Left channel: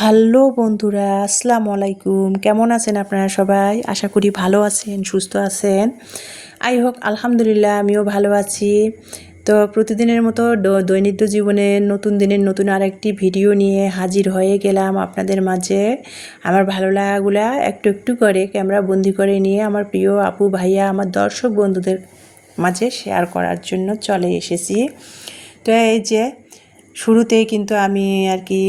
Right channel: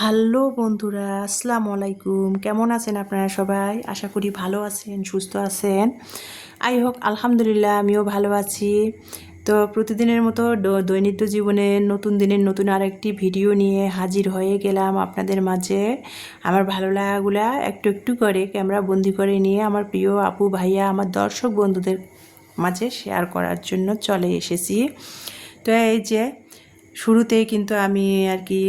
Hello বন্ধুরা, আসসালামু আলাইকুম। কেমন আছেন আপনারা সবাই? আশা করি ভালো আছেন, সুস্থ আছেন। হোক আলহামদুলিল্লাহ, আমিও ভালো আছি। তো প্রতিদিনের মতো দৈনিক জীবনে নতুন দিনের নতুন আরেকটি ভিডিও নিয়ে হাজির হয়ে গেলাম আপনাদের মাঝে। আমার ভালো লাগাগুলা একটু একটু করে ক্যামেরা বন্দি করে নিয়ে আমার প্রিয় আপু ভাইয়া আমার দর্শক বন্ধুদের মাঝে শেয়ার করার জন্য চলে এসেছি। তো এই যে শুরুতেই কিন্তু আমি আর কি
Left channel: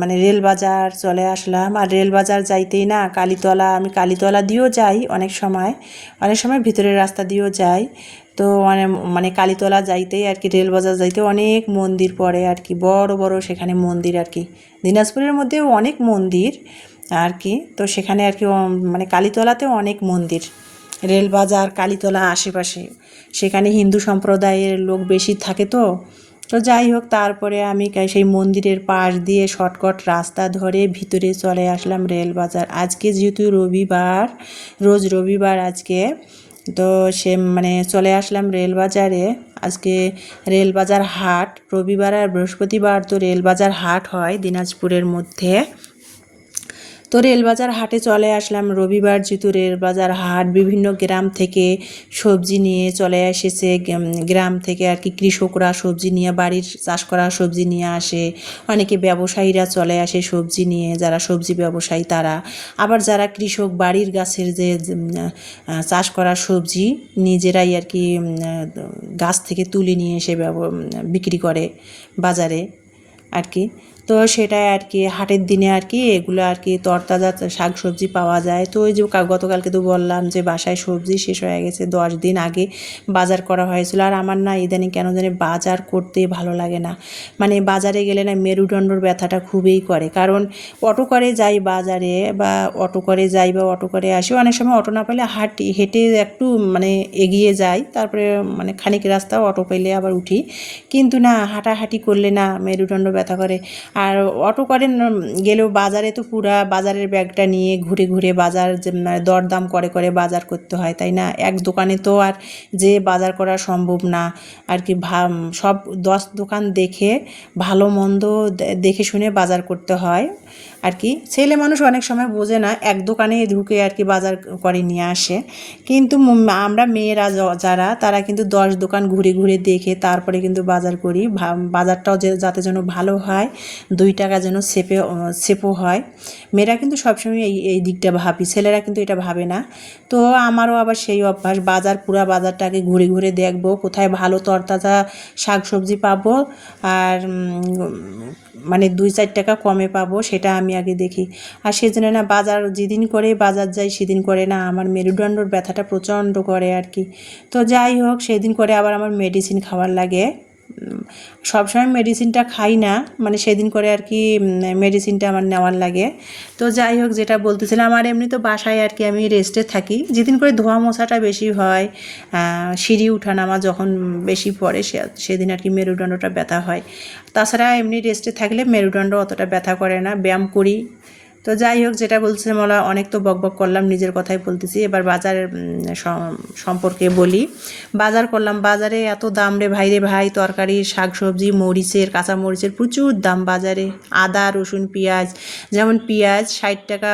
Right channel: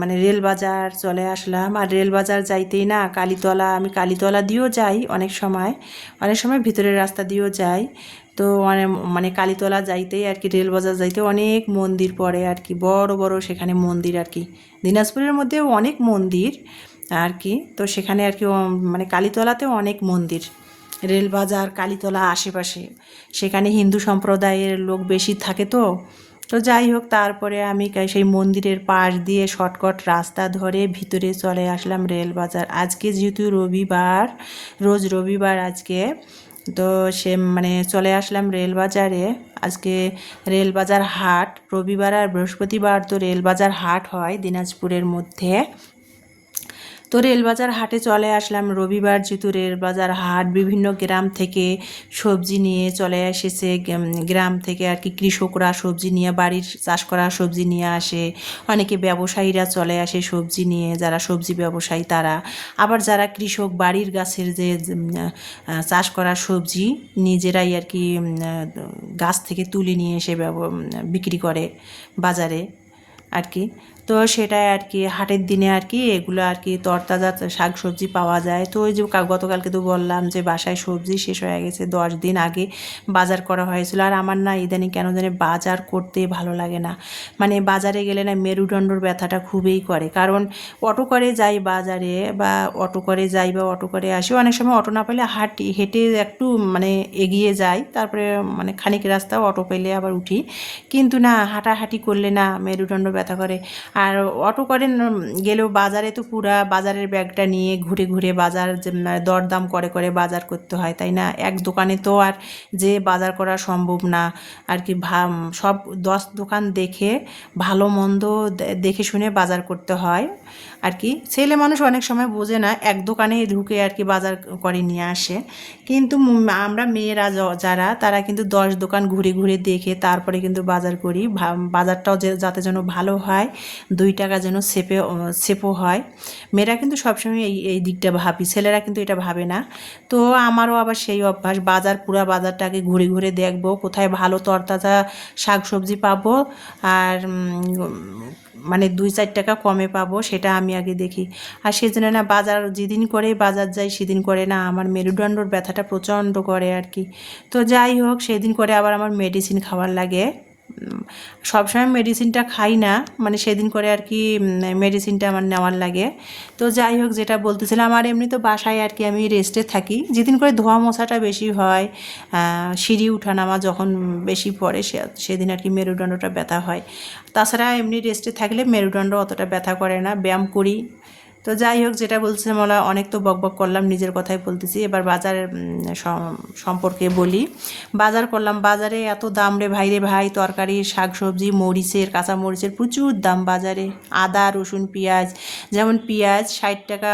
মানে রেল বাজার চলে আসলাম। আর রেল বাজার যাইতেই না কালীতলা, আমি কালীতলা দিয়েও যাই অনেক সময়, ভিতরের রাস্তা দিয়েও যাই। তো মানে কালীতলা যাইতেই আর কি রেল বাজার যাইতে অনেক মন্দির পড়ে আর কি, বড় বড় সেখানে মন্দির আর কি। দিনাজপুরের মধ্যেও অনেক মন্দির আর কি। তো সেখানে আর কি মানে কালীতলাতেও অনেক মন্দির, রেল বাজার কালীতলা আশেপাশে সেখানে হিন্দু সম্প্রদায়ের লোক বেশি থাকে। তো তো যাই হোক, তারপরে আমি সেই মন্দিরের পাশ দিয়ে শর্টকাট রাস্তা ধরে ভিতরে চলে আসলাম রেল বাজার। আজকে যেহেতু রবিবার, রোজ রবিবার আজকে, তো সে মানে চলে আসলাম রেল বাজারে। আজকে রেল বাজার হাট, রবিবার আর বৃহস্পতিবার তো রেল বাজার হাট হয় দিনাজপুরের মধ্যে। তো রেলবাজার হাটে চলে আসলাম রবিবার, যেহেতু রেলবাজার হাট, বিভিন্ন গ্রাম থেকে সবজি নিয়ে চলে এসেছে। গ্রাম থেকে আর কি কৃষকরা সবজি নিয়ে, বাড়ির চাষ করা সবজি নিয়ে আসে। অনেকে ব্যবসায়ীরা চলে আসে সবজি নিয়ে, যারা সবজি ব্যবসায়ী তারা। আবার যারা কৃষক বাড়ির গাছের যে চাষ করা সবজি নিজেরাই আর কি গাছ থেকে তুলে নিয়ে এসে বিক্রি করে বাজারে আর কি। তো সেটাই আর কি হাটের দিনে আর কি এগুলো আর কি তরতাজা শাক সবজি পাওয়া যায়। তো ওই যে গতকালকে তো বললাম যে বাসায় সবজি শেষ হয়ে গেছে, 10 দিন আগে বাজার করা হয়েছিল। আর আমার না ইদানিং কেন জানি বাজার করতে ভালো লাগে না। মানে বাজারে গেলে না মেরুদণ্ডর ব্যথাটা খুবই করে, কারণ অটো করে যাই বাজারে, বা অটো করে যাই বা অটো করে আসি। অনেক সময় অটো না পেলে হেঁটে একটু মানে এগিয়ে যাই, তারপরে মানে খানিক রাস্তা অটো পেলে আবার উঠি। কিন্তু না, হাঁটাহাঁটি করলে না মেরুদণ্ড ব্যথা করে। আর অটো করে গেলেও বাজারে তো পুরা বাজারের ব্যাগটা নিয়ে ঘুরে ঘুরে বাজার দরদাম করে করে বাজার করতে হয়, তাই না? এক দোকানে তো আর যে বাজার করা সম্ভব না আর কি। সব 10 দোকান দেখে ভালো মন্দ দেখে শুনে বাজার করতে হয় আর কি। ছেলে মানুষ অনেক সময় বোঝে না, এক দোকানে ঢুকে আর কি বাজার করে নিয়ে আসে। কিন্তু আমরা মেয়েরা যারা, তারা কিন্তু 10 দোকান ঘুরে ঘুরে দেখে তারপরে কিন্তু বাজার করি। বাজারটাও যাতে যেন ভালো হয়, 2 টাকা যেন সেপও হয়। মেয়েরা কিন্তু সবসময় এই দিকটা ভাবি, ছেলেরা কিন্তু এটা ভাবে না। তো আমারও আবার সেই অভ্যাস, পুরা বাজারটাকে ঘুরে ঘুরে দেখবো কোথায় ভালো তরতাজা শাক সবজি পাবো, আর মানে 2-4 টাকা কমে পাবো, সেটা আমি আগে দেখি। আর সেজন্য না বাজার যেদিন করে বাজার যাই সেদিন করে না আমার মেরুদণ্ডর ব্যথাটা প্রচণ্ড করে আর কি। তো যাই হোক, সেদিন করে আবার আমার মেডিসিন খাওয়ার লাগে। সবসময় মেডিসিনটা খাই না, মানে সেদিন করে আর কি মেডিসিনটা আমার নেওয়ার লাগে। তো যাই হোক, যেটা বলতেছিলাম, আর এমনি তো বাসায় আর কি আমি রেস্টে থাকি। যেদিন করে ধোয়া মশাটা বেশি হয়, সিঁড়ি উঠানামা যখন বেশি পড়ে, সেদিন আর কি মেরুদণ্ডটা ব্যথা হয়। তাছাড়া এমনি রেস্টে থাকলে মেরুদণ্ড অতটা ব্যথা করে না, ব্যায়াম করি। তো যাই হোক, যেটা বলছিলাম, অনেক তো বকবক করলাম, নিজের কথাই বলতেছি। এবার বাজারের সম্পর্কে বলি। বাজার করলাম, বাজারে এত দাম রে ভাই, তরকারি শাক সবজি মরিচের, কাঁচা মরিচের প্রচুর দাম বাজারে। আদা রসুন পেঁয়াজ, যেমন পেঁয়াজ 60 টাকা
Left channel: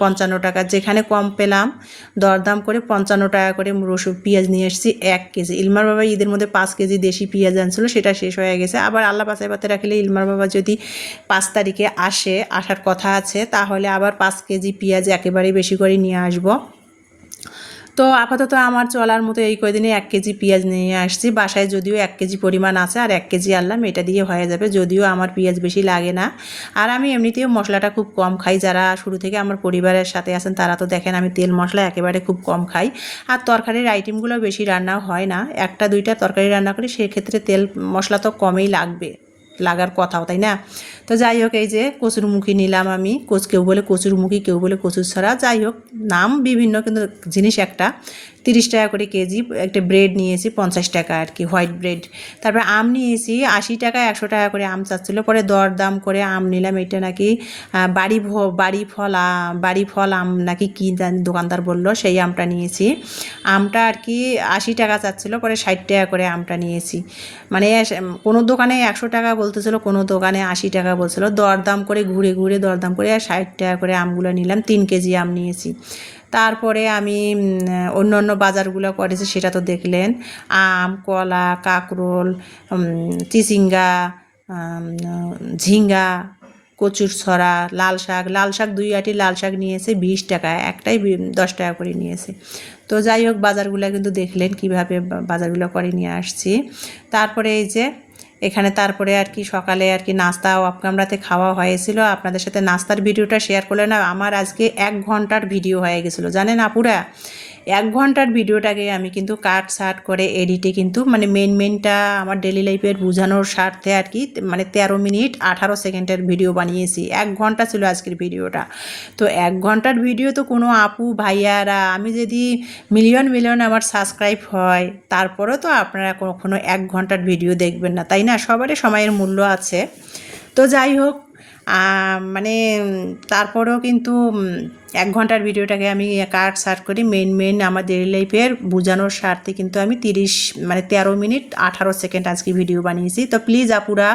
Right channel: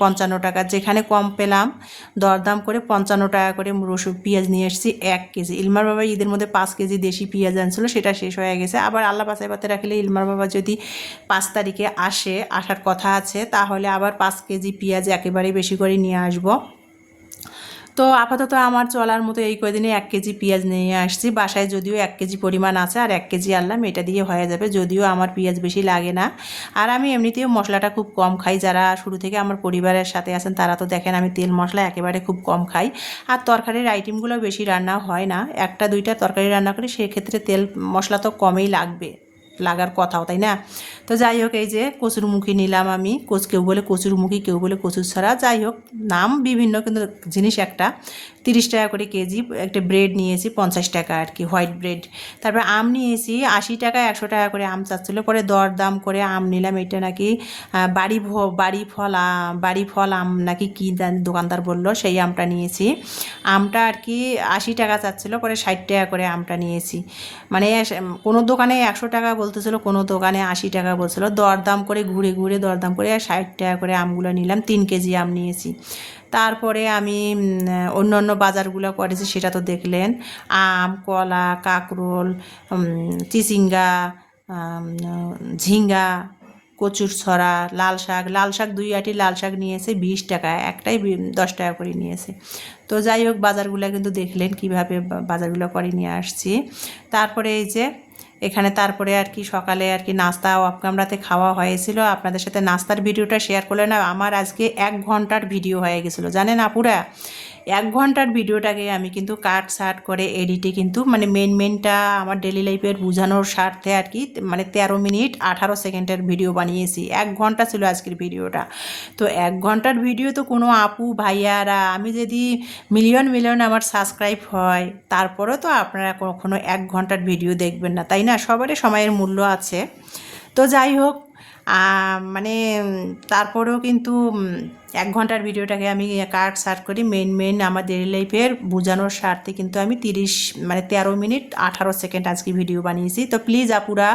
55 টাকা, যেখানে কম পেলাম দরদাম করে 55 টাকা করে রসুন পেঁয়াজ নিয়ে এসেছি 1 কেজি। ইলমার বাবা ঈদের মধ্যে 5 কেজি দেশি পেঁয়াজ আনছিল, সেটা শেষ হয়ে গেছে। আবার আল্লাহ বাঁচায় পাতে রাখলে ইলমার বাবা যদি 5 তারিখে আসার কথা আছে, তাহলে আবার 5 কেজি পেঁয়াজ একেবারে বেশি করে নিয়ে আসবো। তো আপাতত আমার চলার মতো এই কয়দিনে 1 কেজি পেঁয়াজ নিয়ে আসছি বাসায়। যদিও 1 কেজি পরিমাণ আছে, আর 1 কেজি আনলাম, এটা দিয়ে হয়ে যাবে। যদিও আমার পেঁয়াজ বেশি লাগে না, আর আমি এমনিতেও মশলাটা খুব কম খাই। যারা শুরু থেকে আমার পরিবারের সাথে আছেন তারা তো দেখেন আমি তেল মশলা একেবারে খুব কম খাই। আর তরকারির আইটেমগুলো বেশি রান্না হয় না, 1-2টা তরকারি রান্না করি, সেক্ষেত্রে তেল মশলা তো কমই লাগার কথাও, তাই না? তো যাই হোক, এই যে কচুরমুখী নিলাম আমি, কেউ বলে কচুরমুখী, কেউ বলে কচুরছড়া, যাই হোক নাম বিভিন্ন, কিন্তু জিনিস একটা। 30 টাকা করে কেজি। একটা ব্রেড নিয়েছি 50 টাকা আর কি, হোয়াইট ব্রেড। তারপরে আম নিয়েছি 80 টাকা, 100 টাকা করে আম চাচ্ছিলো, পরে দরদাম করে আম নিলাম। এটা নাকি বাড়ি ফল আম নাকি কী দোকানদার বললো, সেই আমটা নিয়েছি। আমটা আর কি 80 টাকা চাচ্ছিলো, পরে 60 টাকা করে আমটা নিয়েছি। মানে কোনো দোকানে 100 টাকা বলতেছিল, কোনো দোকানে 80 টাকা বলছিল, দরদাম করে ঘুরে ঘুরে দরদাম করে 60 টাকা করে আমগুলো নিলাম, 3 কেজি আম নিয়েছি। তারপরে আমি অন্য অন্য বাজারগুলো করেছি সেটা তো দেখলেন, আম, কলা, কাঁকরোল, চিচিঙ্গা, ঝিঙ্গা, কচুর ছড়া, লাল শাক 2 আঁটি লাল শাক নিয়েছে 20 টাকা, একটাই 10 টাকা করে নিয়েছে। তো যাই হোক বাজারগুলো কিন্তু দেখলেন কিভাবে বাজারগুলো করে নিয়ে আসছি। তারপরে এই যে এখানে তারপরে আর কি সকালে আর কি নাস্তা অফ ক্যামেরাতে খাওয়া হয়েছিল, আপনাদের সাথে নাস্তার ভিডিওটা শেয়ার করলে না আমার আজকে 1 ঘন্টার ভিডিও হয়ে গেছিলো জানেন আপুরা। 1 ঘন্টার ভিডিওটাকে আমি কিন্তু কাট সাট করে এডিটে কিন্তু মানে মেনটা আমার ডেলি লাইফের বোঝানোর স্বার্থে আর কি মানে 13 মিনিট 18 সেকেন্ডের ভিডিও বানিয়েছি। 1 ঘন্টা ছিল আজকের ভিডিওটা। তো 1 ঘন্টার ভিডিও তো কোনো আপু ভাইয়ারা, আমি যদি মিলিয়ন আমার সাবস্ক্রাইব হয় তারপরেও তো আপনারা কখনো 1 ঘন্টার ভিডিও দেখবেন না, তাই না? সবারই সময়ের মূল্য আছে। তো যাই হোক মানে তারপরেও কিন্তু 1 ঘন্টার ভিডিওটাকে আমি কাট সার্ট করি মেন আমার ডেইলি লাইফের বোঝানোর স্বার্থে কিন্তু আমি 13 মিনিট 18 সেকেন্ড আজকে ভিডিও বানিয়েছি। তো প্লিজ আপুরা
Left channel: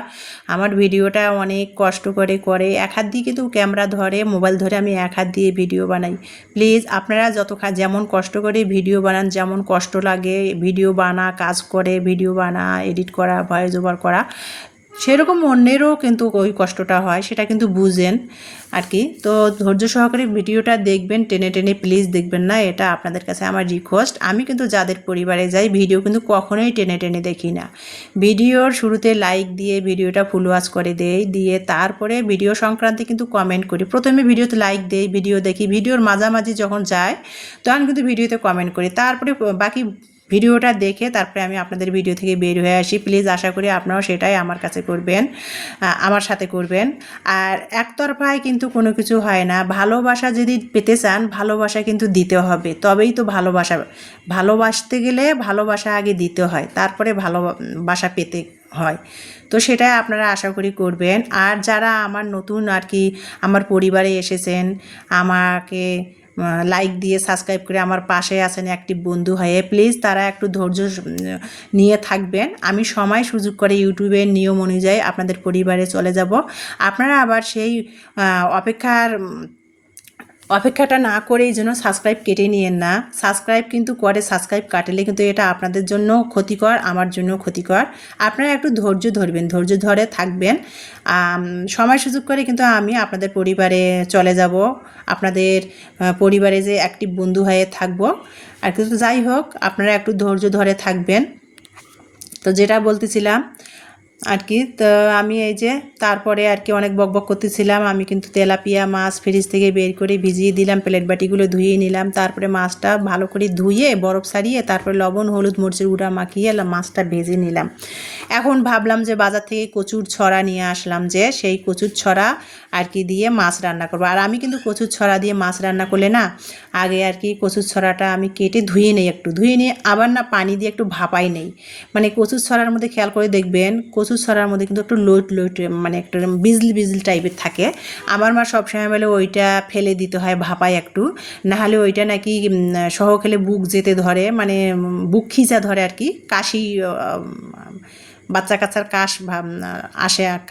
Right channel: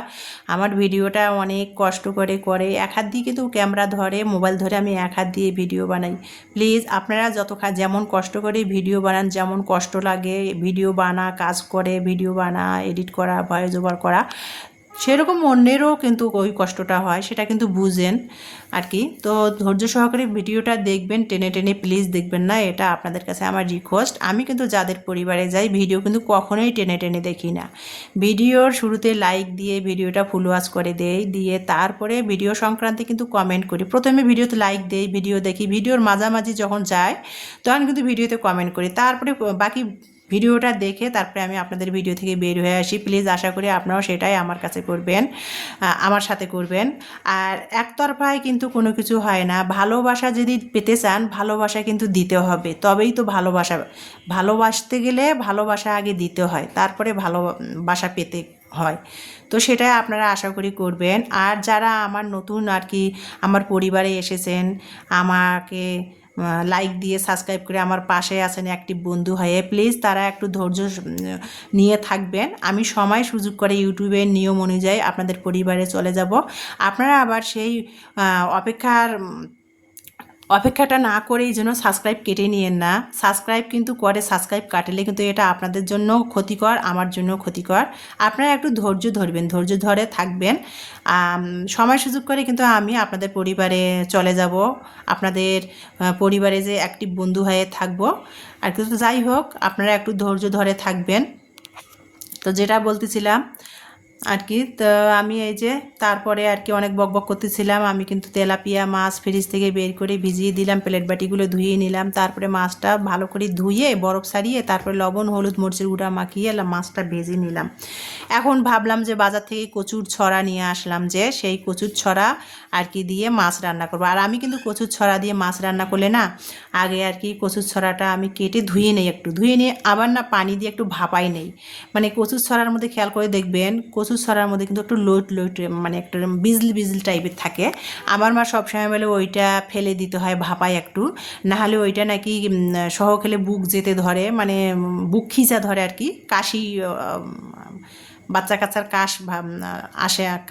আমার ভিডিওটা অনেক কষ্ট করে এক হাত দিয়ে কিন্তু ক্যামেরা ধরে মোবাইল ধরে আমি এক হাত দিয়ে ভিডিও বানাই। প্লিজ আপনারা যেমন কষ্ট করে ভিডিও বানান, যেমন কষ্ট লাগে ভিডিও বানা, কাজ করে ভিডিও বানা, এডিট করা, ভয়েস ওভার করা, সেরকম অন্যেরও কিন্তু ওই কষ্টটা হয়, সেটা কিন্তু বুঝেন আর কি। তো ধৈর্য সহকারে ভিডিওটা দেখবেন, টেনে প্লিজ দেখবেন না, এটা আপনাদের কাছে আমার রিকোয়েস্ট। আমি কিন্তু যাদের পরিবারে যাই ভিডিও কিন্তু কখনোই টেনে দেখি না। ভিডিওর শুরুতে লাইক দিয়ে ভিডিওটা ফুল ওয়াচ করে দেই, দিয়ে তারপরে ভিডিও সংক্রান্তে কিন্তু কমেন্ট করি। প্রথমে ভিডিওতে লাইক দেই, ভিডিও দেখি, ভিডিওর মাঝামাঝি যখন যায় তখন কিন্তু ভিডিওতে কমেন্ট করি, তারপরে বাকি ভিডিওটা দেখে তারপরে আমি আপনাদের ভিডিও থেকে বের হয়ে আসি। প্লিজ আশা করি আপনারাও সেটাই আমার কাছে করবেন, আমার সাথে করবেন। আর একতরফায় কিন্তু কোনো কিছু হয় না, ভালোবাসা যদি পেতে চান ভালোবাসা কিন্তু দিতে হবে, তবেই তো ভালোবাসতে গেলে ভালোবাসা আগে দিতে হয়, তারপরে ভালোবাসা পেতে হয়। তো সেটাই আপনারা আশা করি করবেন। আর যারা আমার নতুন আর কি আমার পরিবারে এসেছেন, আমাকে লাইক দিয়ে সাবস্ক্রাইব করে আমার পাশে আছেন অ্যাক্টিভ বন্ধু হয়ে, প্লিজ তারা একটু ধৈর্য নিয়ে থাকবেন। আমি সময় সুযোগ করে ইউটিউবের নিয়ম অনুযায়ী আপনাদের পরিবারে চলে যাব। আপনারা আবার সেই অপেক্ষাটা না করেই যেন সাবস্ক্রাইব কেটে নিয়েন না। সাবস্ক্রাইব কিন্তু করে, সাবস্ক্রাইব কাটলে কিন্তু এটা আপনাদের জন্য ক্ষতিকর, আমার জন্য ক্ষতিকর। আপনারা একটু ধৈর্য ধরবেন, ধৈর্য ধরে থাকবেন। সময় সুযোগ করে কিন্তু আমি আপনাদের পরিবারে চলে যাব, আপনাদের পরিবারে যে অ্যাক্টিভ বন্ধু হয়ে থাকবো আর কিন্তু। যাই হোক আপনারা একটু ধৈর্য ধরে থাকবেন। তো যেটা বলতেছিলাম আর কি, তো আমি এই যে তারপরে আর কি অনেক বকবক করতেছিলাম। আমি কিন্তু তেলাপিয়া মাছ ফ্রিজ থেকে বের করে ভিজিয়ে দিলাম, প্লেট বাটিগুলো ধুয়ে নিলাম, তারপরে মাছটা ভালো করে ধুয়ে বরফ ছাড়িয়ে তারপরে লবণ হলুদ মরিচের গুঁড়া মাখিয়ে মাছটা ভেজে নিলাম। এখন ভাবলাম যে বাজার থেকে কচুর ছড়া নিয়ে আসলাম, যে সেই কচুর ছড়া আর কি দিয়ে মাছ রান্না করবো। আর আমি কিন্তু কচুর ছড়া দিয়ে মাছ রান্না করলে না আগে আর কি কচুর ছড়াটা আমি কেটে ধুয়ে নিই, একটু ধুয়ে নিয়ে আবার না পানি দিয়ে একটু ভাপাই নেই। মানে কচুর ছড়ার মধ্যে খেয়াল করে দেখবেন কচুর ছড়ার মধ্যে কিন্তু একটু লোট মানে একটু বিজলি টাইপের থাকে। আমার মা সবসময় বলে ওইটা ফেলে দিতে হয় ভাপায় একটু, নাহলে ওইটা নাকি সহ খেলে বুক যেতে ধরে, মানে বুক খিচা ধরে আর কি, কাশি, বাচ্চা কাচ্চার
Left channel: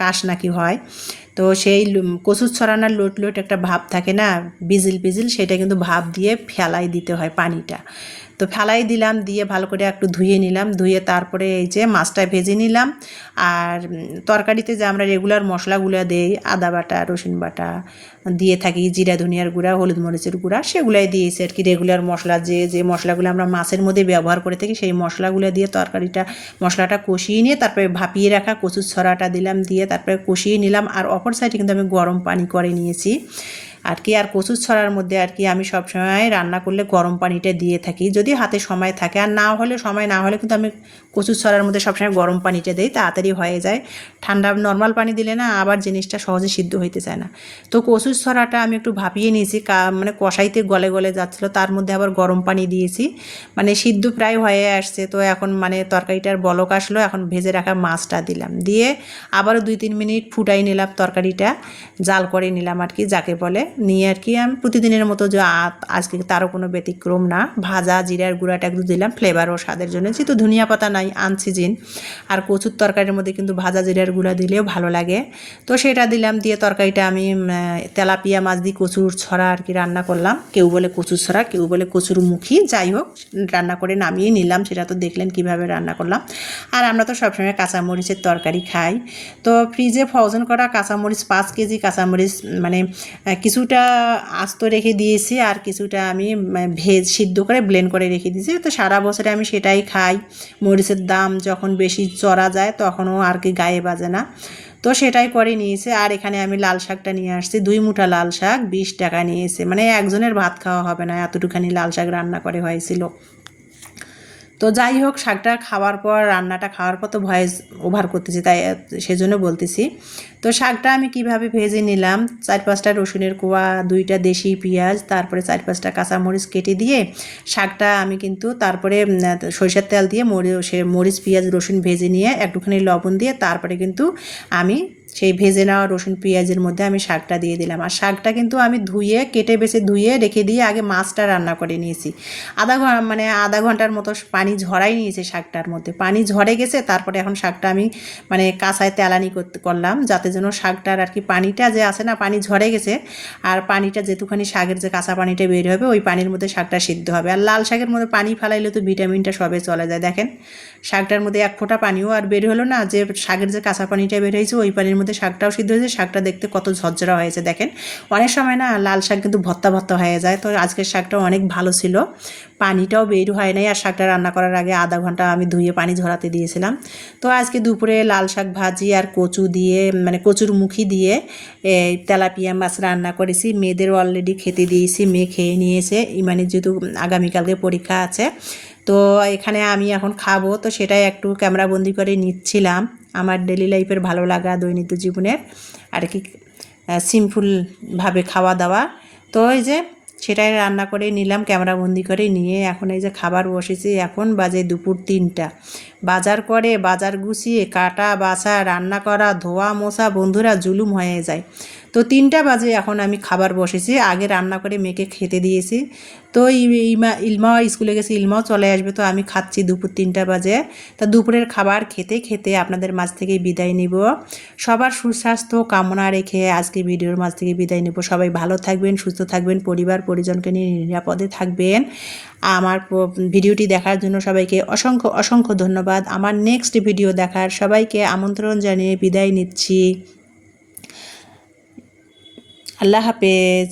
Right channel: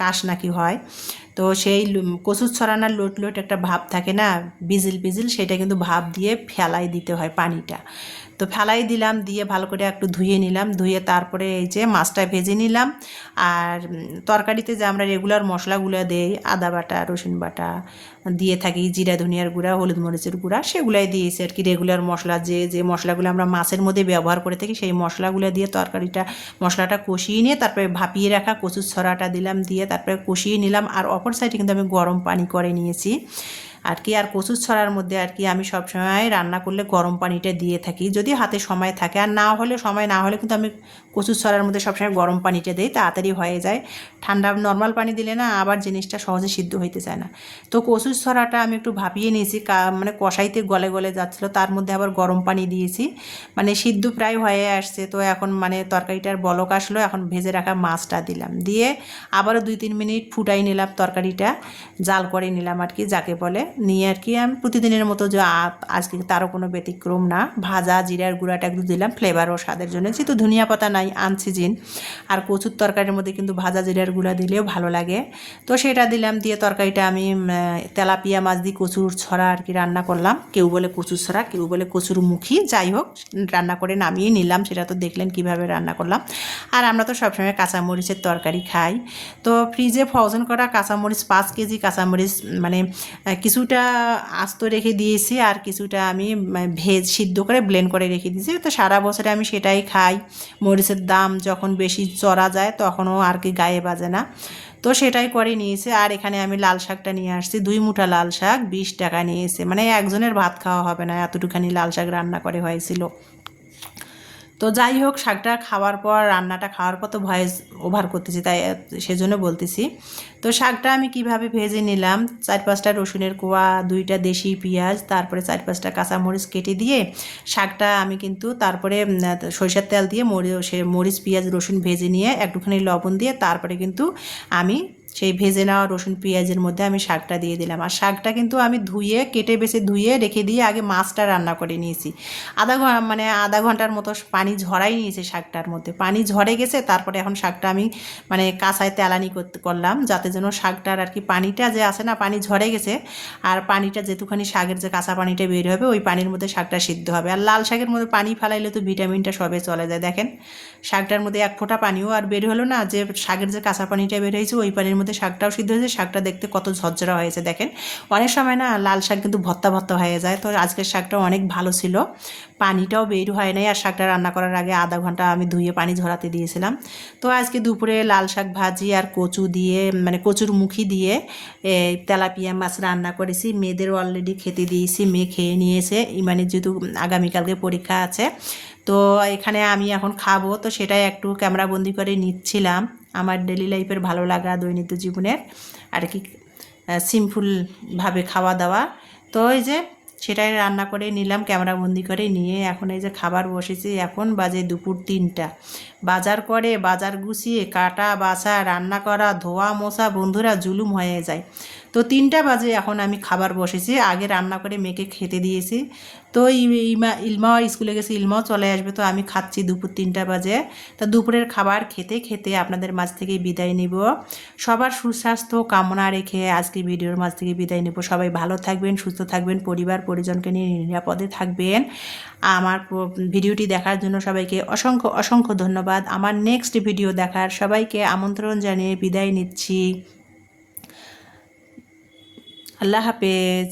কাশ নাকি হয়। তো সেই কচুর ছড়ানোর লোট একটা ভাব থাকে না, বিজিল, সেটা কিন্তু ভাব দিয়ে ফেলাই দিতে হয় পানিটা। তো ফেলাই দিলাম, দিয়ে ভালো করে একটু ধুয়ে নিলাম, ধুয়ে তারপরে এই যে মাছটা ভেজে নিলাম। আর তরকারিতে যে আমরা রেগুলার মশলাগুলো দিই, আদা বাটা, রসুন বাটা দিয়ে থাকি, জিরা ধনিয়ার গুঁড়া, হলুদ মরিচের গুঁড়া, সেগুলাই দিয়েছি আর কি। রেগুলার মশলা যে মশলাগুলো আমরা মাছের মধ্যে ব্যবহার করে থাকি সেই মশলাগুলো দিয়ে মশলাটা কষিয়ে নিয়ে তারপরে ভাপিয়ে রাখা কচুর ছড়াটা দিলাম, দিয়ে তারপরে কষিয়ে নিলাম। আর অপর সাইডে কিন্তু আমি গরম পানি করে নিয়েছি আর কি। আর কচুর ছড়ার মধ্যে আর কি আমি সবসময় রান্না করলে গরম পানিটা দিয়ে থাকি, যদি হাতে সময় থাকে। আর সময় না হলে কিন্তু আমি কচুর ছড়ার মধ্যে সবসময় গরম পানিটা দিই, তাড়াতাড়ি হয়ে যায়। ঠান্ডা নর্মাল পানি দিলে না আবার জিনিসটা সহজে সিদ্ধ হইতে চায় না। তো কচুর ছড়াটা আমি একটু ভাপিয়ে নিয়েছি, মানে কষাইতে গলে যাচ্ছিলো, তার মধ্যে আবার গরম পানি দিয়েছি, মানে সিদ্ধ প্রায় হয়ে আসছে। তো এখন মানে তরকারিটার বলক আসলো, এখন ভেজে রাখা মাছটা দিলাম, দিয়ে আবারও 2-3 মিনিট ফুটাই নিলাম, তরকারিটা জাল করে নিলাম আর কি যাকে বলে। নিয়ে আর কি আমি প্রতিদিনের মতো যে আজকে তারও কোনো ব্যতিক্রম না, ভাজা জিরার গুঁড়াটা একটু দিলাম ফ্লেভার ও স্বাদের জন্য, যেহেতু ধনিয়া পাতা নাই আনসিজন। আর কচুর তরকারির মধ্যে কিন্তু ভাজা জিরার গুঁড়া দিলেও ভালো লাগে। তো সেটা দিলাম, দিয়ে তরকারিটা আমি তেলাপিয়া মাছ দিয়ে কচুর ছড়া আর কি রান্না করলাম। কেউ বলে কচুর ছড়া, কেউ বলে কচুর মুখী, যাই হোক রান্না করে নামিয়ে নিলাম। সেটা তো দেখলেন কিভাবে রান্না করলাম। আর আমরা তো সবসময় কাঁচামরিচের তরকারি খাই। তো ফ্রিজে ফ্রোজেন করা কাঁচামরিচ 5 কেজি কাঁচামরিচ মানে কিছুটা আস্ত রেখে দিয়েছি, আর কিছুটা আমি সিদ্ধ করে ব্লেন্ড করে রেখে দিয়েছি। তো সারা বছরে আমি সেটাই খাই। মরিচের দাম যখন বেশি চড়া যায় তখনও আর কি গায়ে বাজে না, তো সেটাই করে নিয়েছে। আর এখানে আমি লাল শাকটা নিয়ে আসছি, 2 মুঠা লাল শাক 20 টাকা নিয়েছে, মানে একজনের ভাত খাওয়া হবে না, এতটুখানি লাল শাক রান্না করে হয়েছিল। তো যাই হোক, শাকটা খাওয়ার পর, রান্নাটা খাওয়ার পর তো ভয়েস ওভার করতেছি, তাই সেজন্য বলতেছি। তো শাকটা আমি কিভাবে ভেজে নিলাম, 4-5টা রসুনের কোয়া, 2টা দেশি পেঁয়াজ, তারপরে 4-5টা কাঁচামরিচ কেটে দিয়ে শাকটা আমি কিন্তু তারপরে সরিষার তেল দিয়ে মরিচ পেঁয়াজ রসুন ভেজে নিয়ে একটুখানি লবণ দিয়ে তারপরে কিন্তু আমি সেই ভেজে নেওয়া রসুন পেঁয়াজের মধ্যে আমি শাকটা দিয়ে দিলাম। আর শাকটা কিন্তু আমি ধুয়ে কেটে বেছে ধুয়ে রেখে দিয়ে আগে মাছটা রান্না করে নিয়েছি। আধা ঘন্টার মতো পানি ঝরাই নিয়েছে শাকটার মধ্যে, পানি ঝরে গেছে। তারপরে এখন শাকটা আমি কাঁচায় তেলানি করলাম, যাতে যেন শাকটার আর কি পানিটা যে আছে না, পানি ঝরে গেছে, আর পানিটা যেটুখানি শাকের যে কাঁচা পানিটা বের হবে ওই পানির মধ্যে শাকটা সিদ্ধ হবে। আর লাল শাকের মধ্যে পানি ফেলাইলে তো ভিটামিনটা সবে চলে যায়। দেখেন শাকটার মধ্যে এক ফোঁটা পানিও আর বের হলো না, যে শাকের যে কাঁচা পানিটা বের হয়েছে ওই পানির মধ্যে শাকটাও সিদ্ধ হয়েছে। শাকটা দেখতে কত ঝরঝরা হয়েছে দেখেন। অনেক সময় না লাল শাক কিন্তু ভর্তা ভর্তা হয়ে যায়, তো আজকের শাকটা অনেক ভালো ছিল, পানিটাও বের হয় নাই। আর শাকটা রান্না করার আগে আধা ঘন্টা আমি ধুয়ে পানি ঝরাতে দিয়েছিলাম। তো আজকে দুপুরে লাল শাক ভাজি আর কচু দিয়ে কচুর মুখি দিয়ে তেলাপিয়া মাছ রান্না করেছি। মেয়েদের অলরেডি খেতে দিয়েছি, মেয়ে খেয়ে নিয়েছে। ইমানের যেহেতু আগামীকালকে পরীক্ষা আছে, তো এখানে আমি এখন খাবো, তো সেটাই একটু ক্যামেরাবন্দি করে নিচ্ছিলাম। আমার ডেলি লাইফের ভালো লাগা দৈনিক জীবনের আর কি সিম্পলভাবে খাওয়া দাওয়া। তো এই যে সেটাই রান্না করে নিলাম, ক্যামেরাবন্দি করে নিয়ে এখন এই যে খাবার বসেছি। এখন বাজে দুপুর 3টা। বাজার গুছিয়ে কাটা বাছা রান্না করা ধোয়া মোছা বন্ধুরা জুলুম হয়ে যায়। তো 3টা বাজে এখন আমি খাবার বসেছি, আগে রান্না করে মেয়েকে খেতে দিয়েছি। তো ইলমাও স্কুলে গেছে, ইলমাও চলে আসবে, তো আমি খাচ্ছি দুপুর 3টা বাজে। তা দুপুরের খাবার খেতে খেতে আপনাদের মাঝ থেকে বিদায় নিব। সবার সুস্বাস্থ্য কামনা রেখে আজকে ভিডিওর মাঝ থেকে বিদায় নেব। সবাই ভালো থাকবেন, সুস্থ থাকবেন, পরিবার পরিজনকে নিয়ে নিরাপদে থাকবেন। আমার ভিডিওটি দেখার জন্য সবাইকে অসংখ্য অসংখ্য ধন্যবাদ। আমার নেক্সট ভিডিও দেখার সবাইকে আমন্ত্রণ জানিয়ে বিদায় নিচ্ছি। আল্লাহ হাফেজ।